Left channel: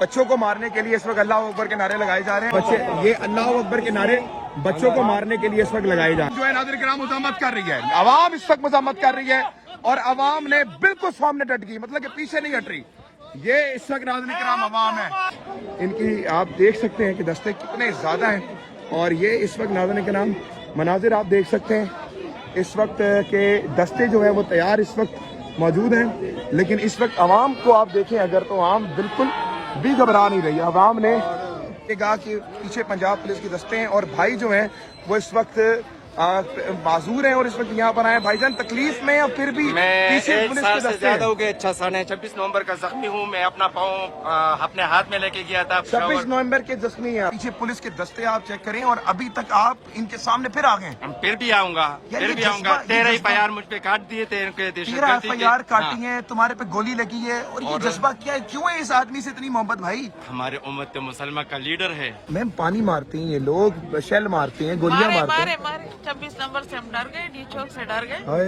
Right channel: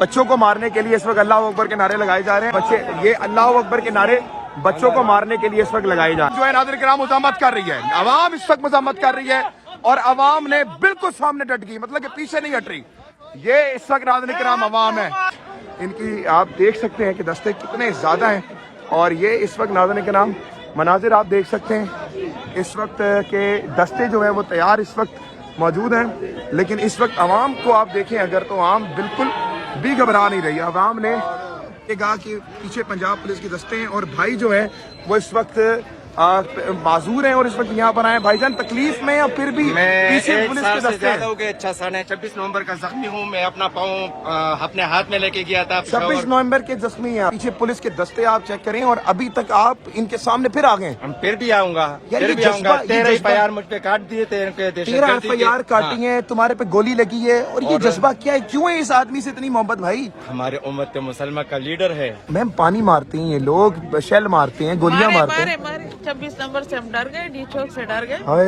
बच्चों को मारने के लिए इस वक्त अल्लाह अकबर के नारे लगाए जा रहे हैं। बच्चे ये अल्लाह अकबर के नारे बच्चों को मारने के लिए इस वक्त लगाए जा रहे हैं। जो है नाज़रीन किराम मुज़ाहमत कर रही है, आवाम इस वक्त मुज़ाहमत कर रही है और आवाम ने बिल्कुल सामने डट गई, मतलब कि पीछे नहीं हट रही। ये इस वक्त नाज़रीन किराम आवाम है, इनकी आप देख सकते हैं कि दस्ते कितने ज्यादा हैं। और ये इस वक्त नाज़रीन किराम मनाजिर आप देख सकते हैं, इस वक्त के दस्ते जो है वो तैयार इस वक्त मौजूद हैं। लेकिन इस वक्त आवाम को आप देखें अगर, तो आवाम बिल्कुल भी घबरा नहीं रही। आवाम ने कहा कि पीछे पंजाब पुलिस की दस्ते हैं और भाई जो है वो इस वक्त माजूर है और इस वक्त यहाँ पर आए। भाईजान तकलीफ में और फिर भी पीछे पुलिस के दस्ते हैं। हो गए। अच्छा सन है, 26 नवंबर का जख्मी हूँ मैं, अपना पाँव अपने हाथ में लेके गया था। 26 नवंबर के जख्मी हैं, पीछे पुलिस के दस्ते आप चेक करें और अभी तक आप इनके सामने फिर आ गए। हम फिर भी आऊंगा, यार फिर भी ये आऊंगा। जज्बा- 13 ये जज्बा- FIR मुझ पे काट दिए थे इनके देश। 13 FIR काटी है, तुम्हारे पे गोली लगी है और ये जज्बा क्या है? क्यों है इस आदमी से इतनी मोहब्बत भाई? हमारे उम्मत मुसलमान का लीडर है। मैम पानी मारते हैं ये लोग, शेल मारते हैं, गोलियां मारते हैं। 26 नंबर से हम डर गए, डी चौक से डर गए। हाय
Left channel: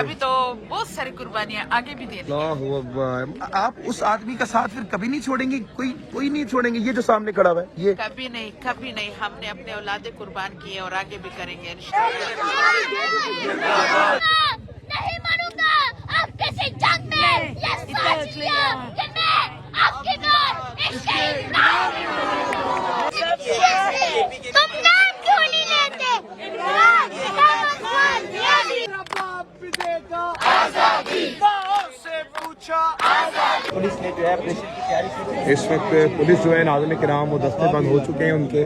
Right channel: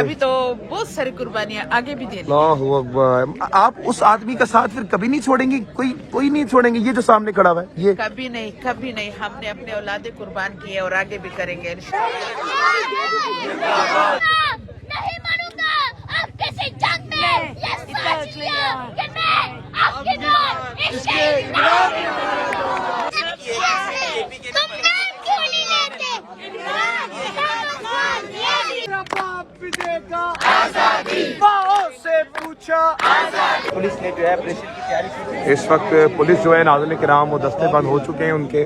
अभी तो बहुत सारी कुर्बानियां आगे भी देनी। अल्लाहु अकबर। आप उस आदमी का साथ फिर कभी नहीं छोड़ेंगी? कोई नहीं छोड़ेंगे? ये जो सामने खड़ा हुआ है ये कभी नहीं, कभी नहीं। हमने अपने औलादे कुर्बान किए और आगे भी करेंगे। नहीं मरूंगा आपके से जंग में। ये सोच लिया कि मैं आपके तुम नाम क्यों नहीं लेते? पुलिस ने जो है ऑपरेशन की तैयारी की। इस वक्त पुलिस जो है नाज़रीन किराम वो दस्ते बंद हो चुके हैं उनके।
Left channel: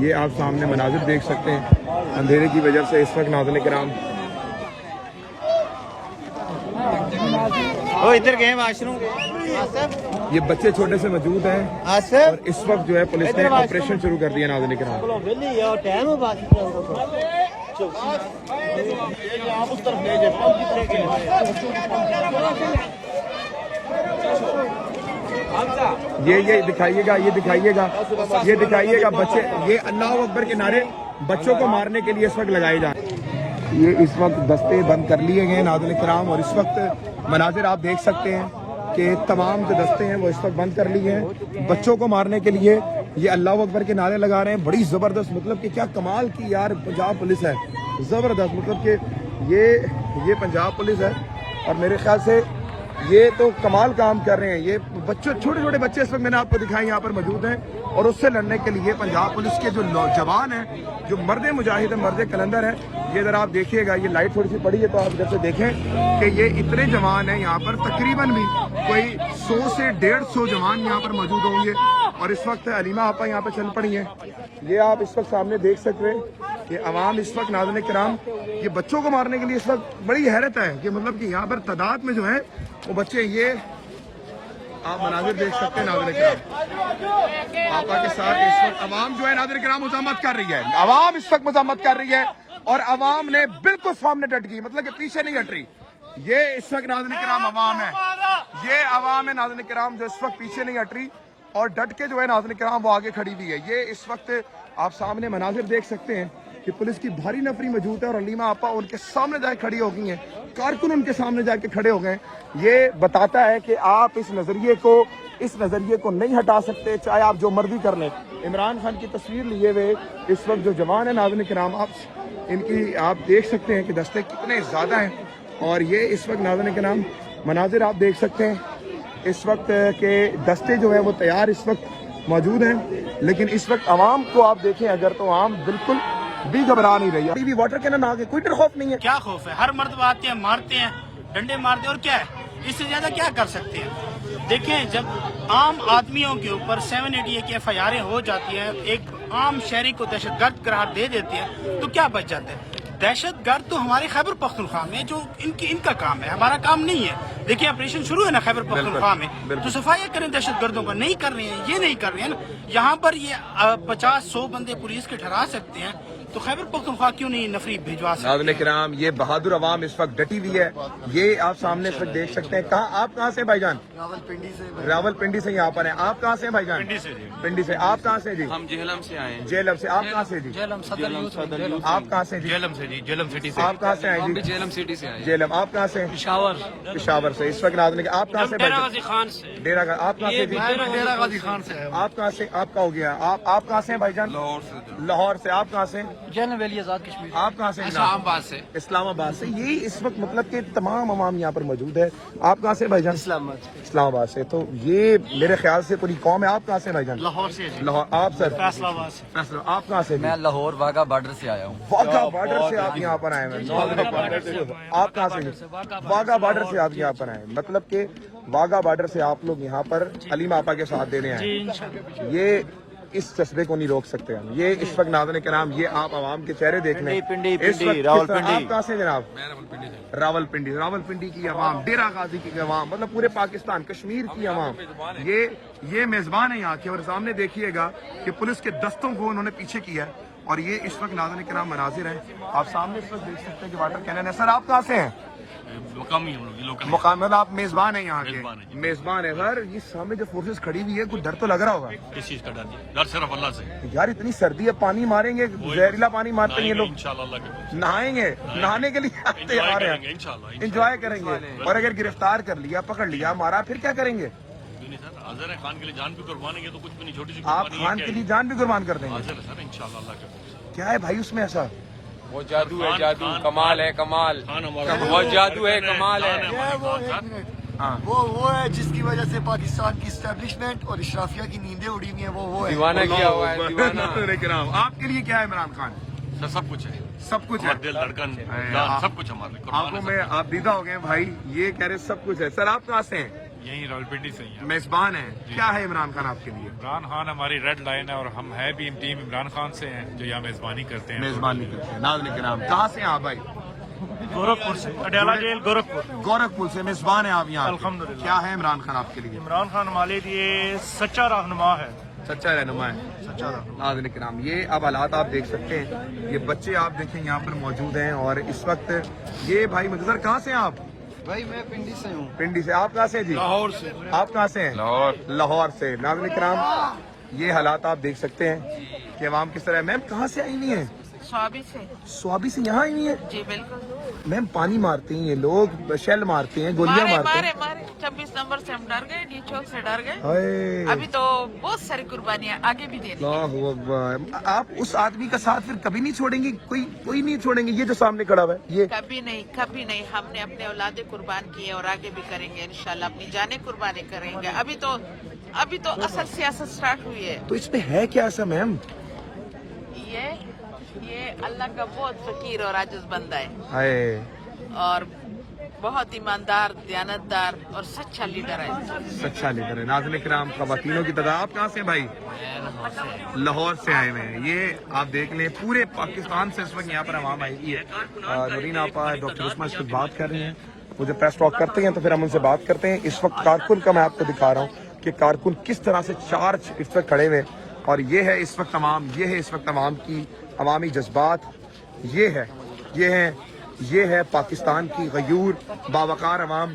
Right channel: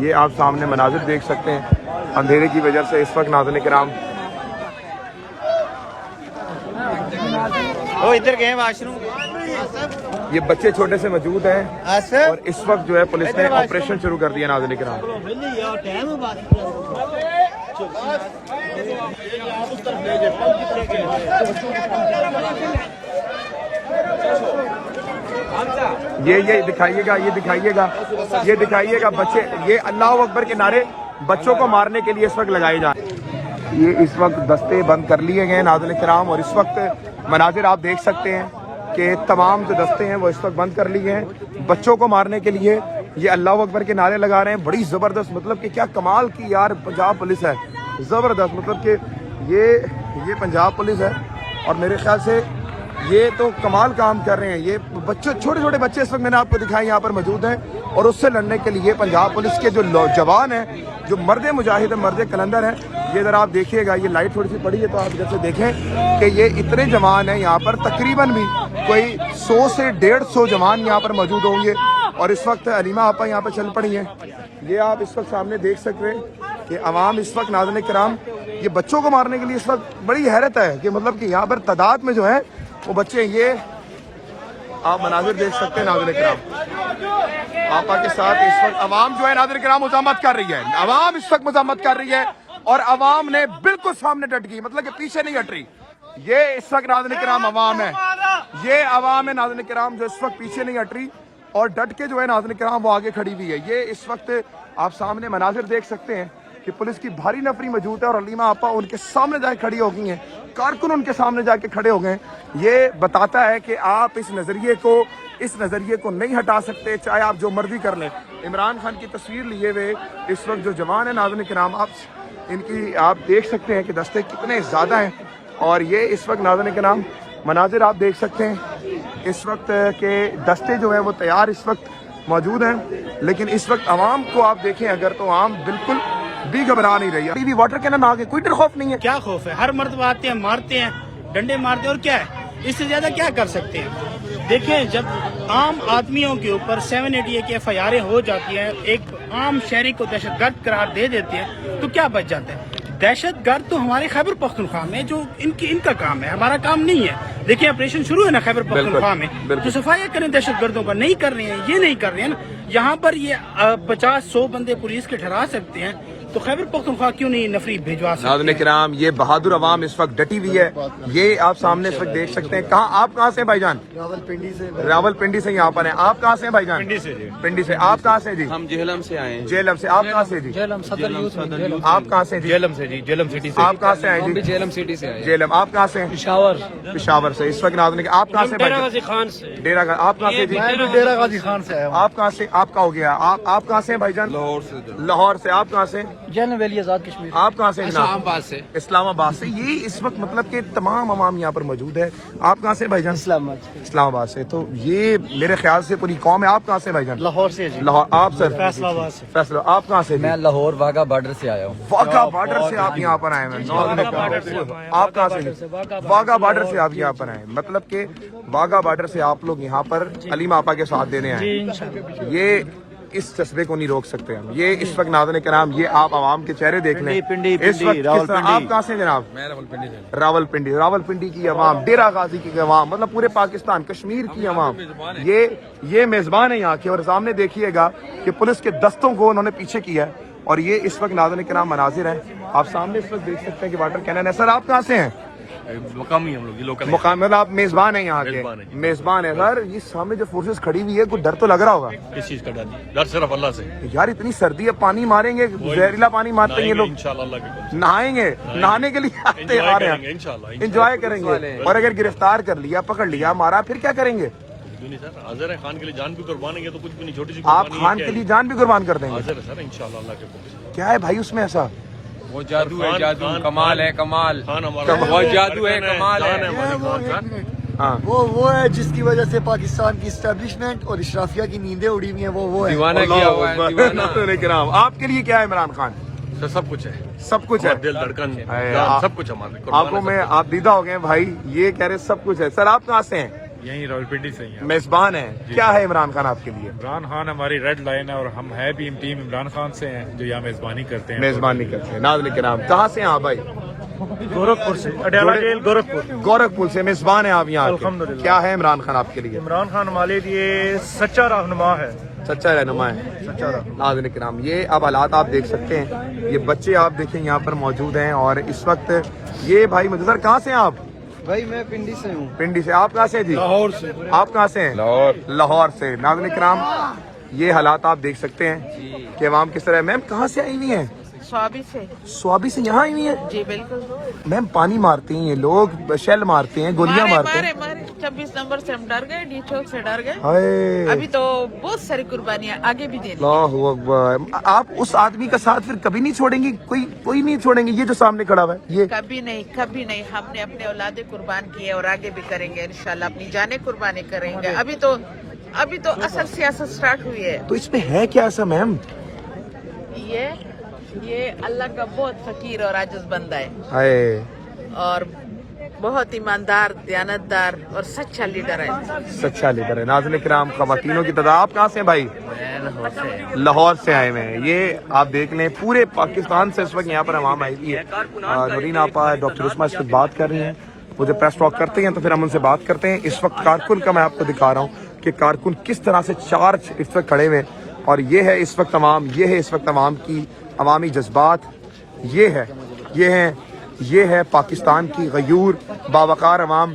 ये आप सामने मनाजिर देख सकते हैं अंधेरे की वजह से। इस वक्त नाज़रीन किराम इधर गए वाशरूम। ये बच्चे छोटे से मौजूद हैं और इस वक्त जो है पुलिस ने ऑपरेशन शुरू कर दिया नाज़रीन किराम। ये दिखाइएगा बच्चे, ये अल्लाह अकबर के नारे बच्चों को मारने के लिए इस वक्त लगाए जा रहे हैं। ये इस वक्त दस्ते बंद कर लिए गए नाज़रीन किराम और इस वक्त मनाजिर आप देख सकते हैं कि तमाम जो दस्ते हैं वो इस वक्त बंद कर लिए हैं बच्चों को मारने के लिए। ये अल्लाह अकबर के नारे लगा रहे हैं, बड़ी ज़बरदस्त, मतलब कि क्या कमाल की यार पंजाब पुलिस है, ज़बरदस्त। मतलब कि ये पंजाब पुलिस है और मेरे ख्याल से ये तो कमाल काम कर रहे हैं। ये बच्चे, छोटे छोटे बच्चे इस वक्त मैंने आपको दिखाए यहाँ पर मौजूद हैं और उससे लड़ने के लिए पंजाब पुलिस के जो जवान हैं, जो मर्द मुजाहिद है, मर्द कलंदर है, ये जरा आप देखिएगा। ये लाइट थोड़ी सी पड़ी है तो आप जैसे देखें कि ये इतने जवान हैं यहाँ पर, तकरीबन भी कोई 100 से 150 जवान यहाँ पर मौजूद होंगे। और इस वक्त अलीमा आपा यहाँ पर चल पड़ी हैं। ये आप इस वक्त सामने देख सकते हैं कि अवाम इस वक्त नाज़रीन किराम ये बच्चों को मारने के लिए इस वक्त बड़ी हैरत है कि मतलब कि यहाँ पर तादाद में जो है वो बच्चे, ये आप मनाजिर देख सकते हैं नाज़रीन किराम। आपा के साथ इस वक्त अवाम जो है नाज़रीन किराम मुज़ाहमत कर रही है, अवाम इस वक्त मुज़ाहमत कर रही है और अवाम ने बिल्कुल सामने डट गई, मतलब कि पीछे नहीं हट रही। ये इस वक्त नाज़रीन किराम अवाम है, ये अवाम है नाज़रीन किराम जो इस वक्त पीछे नहीं हट रही और डट के जो है नाज़रीन किराम वो आगे खड़ी हुई है। ये इस वक्त आप सामने मनाजिर देख सकते हैं कि पुलिस की भारी नफरी मौजूद है और अलीमा आपा उनके सामने जाके खड़ी हो गई हैं, कारकुन उनके सामने जाके खड़े हो गए। ये बताता है कि आप इस नजरिए को नहीं हटा सकते, चाहे आप जो मर्जी कर लें। इमरान खान की तस्वीर लिए हुए इस वक्त जो जवान है नाज़रीन किराम, आप देख सकते हैं कि दस्ते कितने ज्यादा हैं और ये इस वक्त नाज़रीन किराम मनाजिर आप देख सकते हैं, इस वक्त के दस्ते जो है वो तैयार इस वक्त मौजूद हैं। लेकिन इस वक्त आवाम को आप देखें अगर, तो आवाम बिल्कुल भी घबरा नहीं रही। अभी वाटर कैनन आ गए, कोई डर खौफ नहीं है। क्या खौफ है? हर मर्द आते हैं, मारते हैं, डंडे मारते हैं और क्या है, इससे ज्यादा क्या कर सकते हैं? देखिए, जब आम आदमियों के ऊपर 788 की FIR हो जाती हैं, एक आम शहरी को दहशतगर्द करार दे देती है, तो क्या बच जाता है? दहशतगर्द तो हमारे खैबर पख्तूनख्वा में जो इनका काम है, हमारा काम नहीं है। देखिए, ऑपरेशन शुरू है ना खैबर पख्तूनख्वा में, तो सफाई करें दहशतगर्दों का, नहीं कर रहे हैं, ये नहीं कर रहे हैं ना। यहाँ पर ये 50-100 बंदे पुलिस के ठहरा सकते हैं, तो खैबर पख्तूनख्वा क्यों नहीं नफरी भिजवा सकते? नाज़रीन किराम, ये बहादुर अवाम इस वक्त डटी हुई है। ये आप सामने इस वक्त देख सकते हैं। आप कहाँ से हैं भाईजान? रावलपिंडी से यहाँ पर हैं। आप कहाँ से हैं भाईजान? पिंडी से। आप कहाँ से जी? हम जेहलम से आए हैं। जेलम से। आप कहाँ से जी? जेलम सदर यूथ आप कहाँ से? जेलम से जी, जेलम सिटी से। आप कहाँ से आए जी? जेलम सिटी से आए। जेलम। आप कहाँ से हैं? पिशावर से। इस वक्त नाज़रीन, आप कहाँ से? डेरा गाजी खान से। डेरा। आप कहाँ से जी? मैं भी डेरा गाजी खान से आया हूँ। आप कहाँ से? आपका हो गया। आप कहाँ से हैं भाईजान? लाहौर से। लाहौर से। आप कहाँ से? जैन वैली आजाद कश्मीर। आप कहाँ से? इस्लामाबाद से। इस्लामाबाद से। ये इस वक्त मतलब कि तमाम अवाम यहाँ पर मौजूद है। आप कहाँ से भाईजान? इस्लामाबाद से। तो ये मेरे ख्याल से पूरी कौम है। आप कहाँ से भाईजान? लाहौर से जी। लाहौर। आप सर? फैसलाबाद से। फैसला। आप कहाँ से? मैं लाहौर वाघा बॉर्डर से आया हूँ। वाघा बॉर्डर से आप यहाँ पर आए हैं। आप कहाँ से? वाघा बॉर्डर से आप यहाँ पर आए हैं। मतलब कि वाघा बॉर्डर से आप लोग यहाँ पर हलीमा आपा के साथ देने आए। ये इस जज्बे को नहीं रोक सकते हम। ये इस वक्त नाज़रीन किराम, ये आप आवाम के चेहरे देख लें। इस वक्त आप कहाँ से जनाब? मैं रावलपिंडी से। रावलपिंडी की आवाम, डेरा गाजी की आवाम, मतलब पूरे पाकिस्तान कश्मीर की आवाम, ये मेजबान है यहाँ के। और सामने देखिएगा कि पुलिस के दस्तों को उन्होंने पीछे किया है। और ये इस वक्त नाज़रीन किराम मनाजिर हैं। आप सामने इस वक्त देख सकते हैं कि वाटर कैनन है। सर आप कहाँ से हैं? मुकामी हम लोग, लोकल। मुकाम मतलब आप मेजबान हैं यहाँ के? मेजबान है। सर ये सामने जो फोर्सेस खड़ी हुई है, कुछ डर तो लग रहा होगा? किस चीज का डर? डर सिर्फ अल्लाह से। यार इतनी सर्दी है, पानी मारेंगे, जहरीला पानी मारते हैं ये लोग। नहाएंगे, नहाने के लिए आते आ रहे हैं, इंजॉय करेंगे। और अगर गिरफ्तार कर लिया, पकड़ लिया, मारा, फिर क्या करेंगे? नहीं सर, हाजिर है। खान के लिए जान भी कुर्बान है तो कुछ भी नहीं, छोटी सी। आप खान के लिए जान भी कुर्बान कर देंगे? हाजिर है सर, इंशाल्लाह अल्लाह के। क्या है भाई उसमें ऐसा? वो जादू है, जादू, कमाल है, कमाल। वो जादू है, कमाल है। हाँ, वो है जिसकी वजह से पाकिस्तान की इस्टेब्लिशमेंट और इशराफिया की नींदें उड़ी हुई हैं। वो है दीवाना किया हुआ है, दीवाना। आपके लिए क्या है इमरान खान? सर सब कुछ है, सब कुछ है। दिल धड़कन सब कुछ हमारे। आपको में आप दीदा हो गए भाई, ये कह रहे सब कुछ है। सर आप कहाँ से हैं? यही रावलपिंडी से ही। मेजबान है। क्या है इमरान खान आपके लिए? इमरान खान हमारी रेड लाइन है और हम है भी इन टीम इमरान खान से हैं जो यहाँ मेजबानी करते हैं। मेजबानी करते हैं। नाज़रीन किराम, कहाँ से हैं आप भाई? गोरखपुर से। अडयाला जेल गोरखपुर। गोरखपुर से मेजबान है आप यहाँ के। क्या है इमरान खान आपके लिए? इमरान खान हमारे लिए सच्चा रहनुमा है। सच्चा रहनुमा है। नाज़रीन किराम, ये अब हालात आप देख सकते हैं। ये बच्चे आप देखें यहाँ पर मौजूद हैं। और इस वक्त ये भाई मुझे कहाँ से हैं आप? भाई मैं पिंडी से हूँ। पिंडी से। आप कहाँ से जी? लाहौर से। आप कहाँ से हैं? लाहौर से। नाज़रीन किराम, ये हालात आप देख सकते हैं कि अवाम किस तरह। मैम कहाँ से आई हुई हैं? स्वाबी से। स्वाबी से यहाँ आई हुई हैं? जी बिल्कुल। मैम पानी मारते हैं ये लोग, शेल मारते हैं, गोलियां मारते हैं। मारे 26 नंबर से हम डर गए, डी चौक से डर गए। हाय, अभी तो बहुत सारी कुर्बानियां आगे भी देनी। अल्लाहु अकबर। आप उस आदमी का साथ फिर कभी नहीं छोड़ेंगी? कोई नहीं छोड़ेंगे? ये जो सामने खड़ा हुआ है ये? कभी नहीं, कभी नहीं। हमने अपने औलादे कुर्बान किए और आगे भी करेंगे इंशाल्लाह। अपनी जाने कुर्बानी करेंगे। अभी तो असल सियासत स्टार्ट हुई है। तो इसमें है क्या ऐसा मैम? ये अल्लाह का बहुत फकीर और आजिज बंदा है हाय, और बहुत ईमानदार, दयानतदार और सच्चा लीडर है। सच्चा लीडर है। नाज़रीन किराम, ख़वातीनों की तादाद। आप कहाँ से हैं भाई? लाहौर से आए हुए हैं। ये आप देख लें, पूरे पाकिस्तान से इस वक्त यहाँ पर अवाम आई हुई है। नूरीन आपा, डॉक्टर उस्मा इस वक्त बात कर रहे हैं। वो जब प्रेस टॉक करते हैं तो फिर हम उनसे बात करते हैं। इस वक्त कारकुन का मैं आपको दिखा रहा हूँ कि कारकुन किस तरह से चार्ज इस वक्त खड़े हुए। और ये है इस वक्त अवाम, ये है इस वक्त अवाम की अवामी जज्बात। ये है पाकिस्तान की गयूर बावकार अवाम।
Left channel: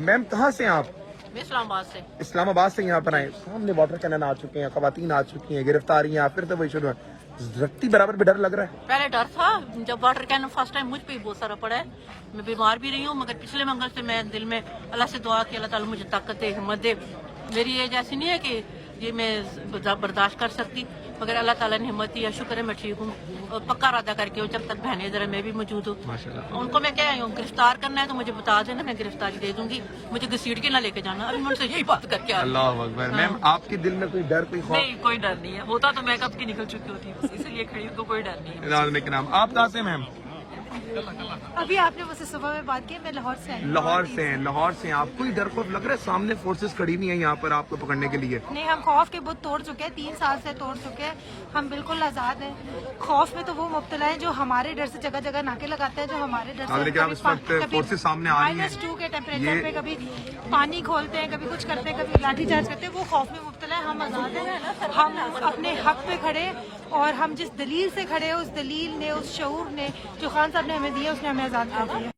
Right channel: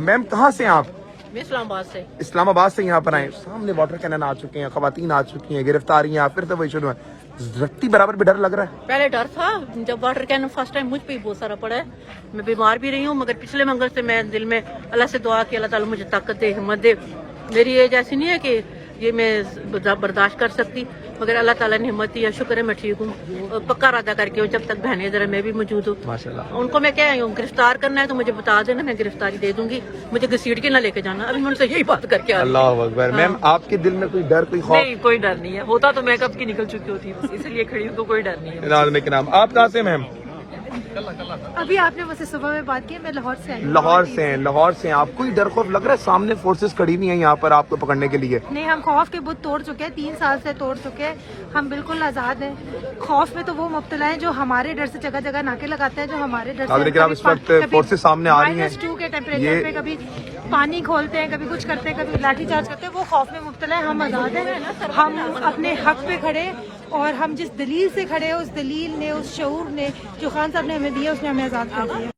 मैम कहाँ से हैं आप? इस्लामाबाद से। इस्लामाबाद से यहाँ पर आए। सामने वाटर कैनन आ चुके हैं, खवातीन आ चुकी हैं, गिरफ्तारियां फिर तो वही शुरू है। रत्ती बराबर भी डर लग रहा है? पहले डर था जब वाटर कैनन फर्स्ट टाइम मुझ पे ही बहुत सारा पड़ा है। मैं बीमार भी रही हूँ, मगर पिछले मंगल से मैं दिल में अल्लाह से दुआ की, अल्लाह ताला मुझे ताकत दे, हिम्मत दे। मेरी एज ऐसी नहीं है कि ये मैं बर्दाश्त कर सकती, मगर अल्लाह ताला ने हिम्मत दी। शुक्र है मैं ठीक हूँ और पक्का इरादा करके हूँ जब तक बहने इधर मैं भी मौजूद हूँ। माशाल्लाह। उनको मैं क्या हूँ, गिरफ्तार करना है तो मुझे बता देना, मैं गिरफ्तारी दे दूंगी। मुझे घसीट के ना लेके जाना। अभी मैं उनसे यही बात करके आ रही हूँ। अल्लाह अकबर। मैम आपके दिल में कोई डर, कोई खौफ? नहीं, कोई डर नहीं है। होता तो मैं कब की निकल चुकी होती, बस इसलिए खड़ी हूँ, तो कोई डर नहीं है। नाज़रीन किराम, आप कहाँ से मैम? अभी आपने मुझसे सुबह में बात की, मैं लाहौर से आई। लाहौर से हैं। लाहौर से हैं आप। कोई डर खौफ लग रहा है? सामने फोर्सेस खड़ी हुई हैं यहाँ पर आपको पकड़ने के लिए। नहीं, हम खौफ के बुत तोड़ चुके हैं, 3 साल से तोड़ चुके हैं। हम बिल्कुल आजाद हैं। खौफ में तो वो मुब्तला है जो हमारे डर से जगह जगह नाके लगाते हैं, जो हमारे डर से। आप इस वक्त फोर्सेस सामने आ रही हैं, -2 के टेम्परेचर पे कभी पानी खोलते हैं, कभी कुछ करते हैं, कभी लाठी चार्ज करते हैं। वो खौफ में मुब्तला है। हम आजाद हैं, हम अपने हक पे खड़े اور ہم جس دلیل سے کھڑے ہیں اس دلیل نے، اس شعور نے جو خان صاحب نے ہمیں دیا، اس نے ہمیں آزاد کر دیا.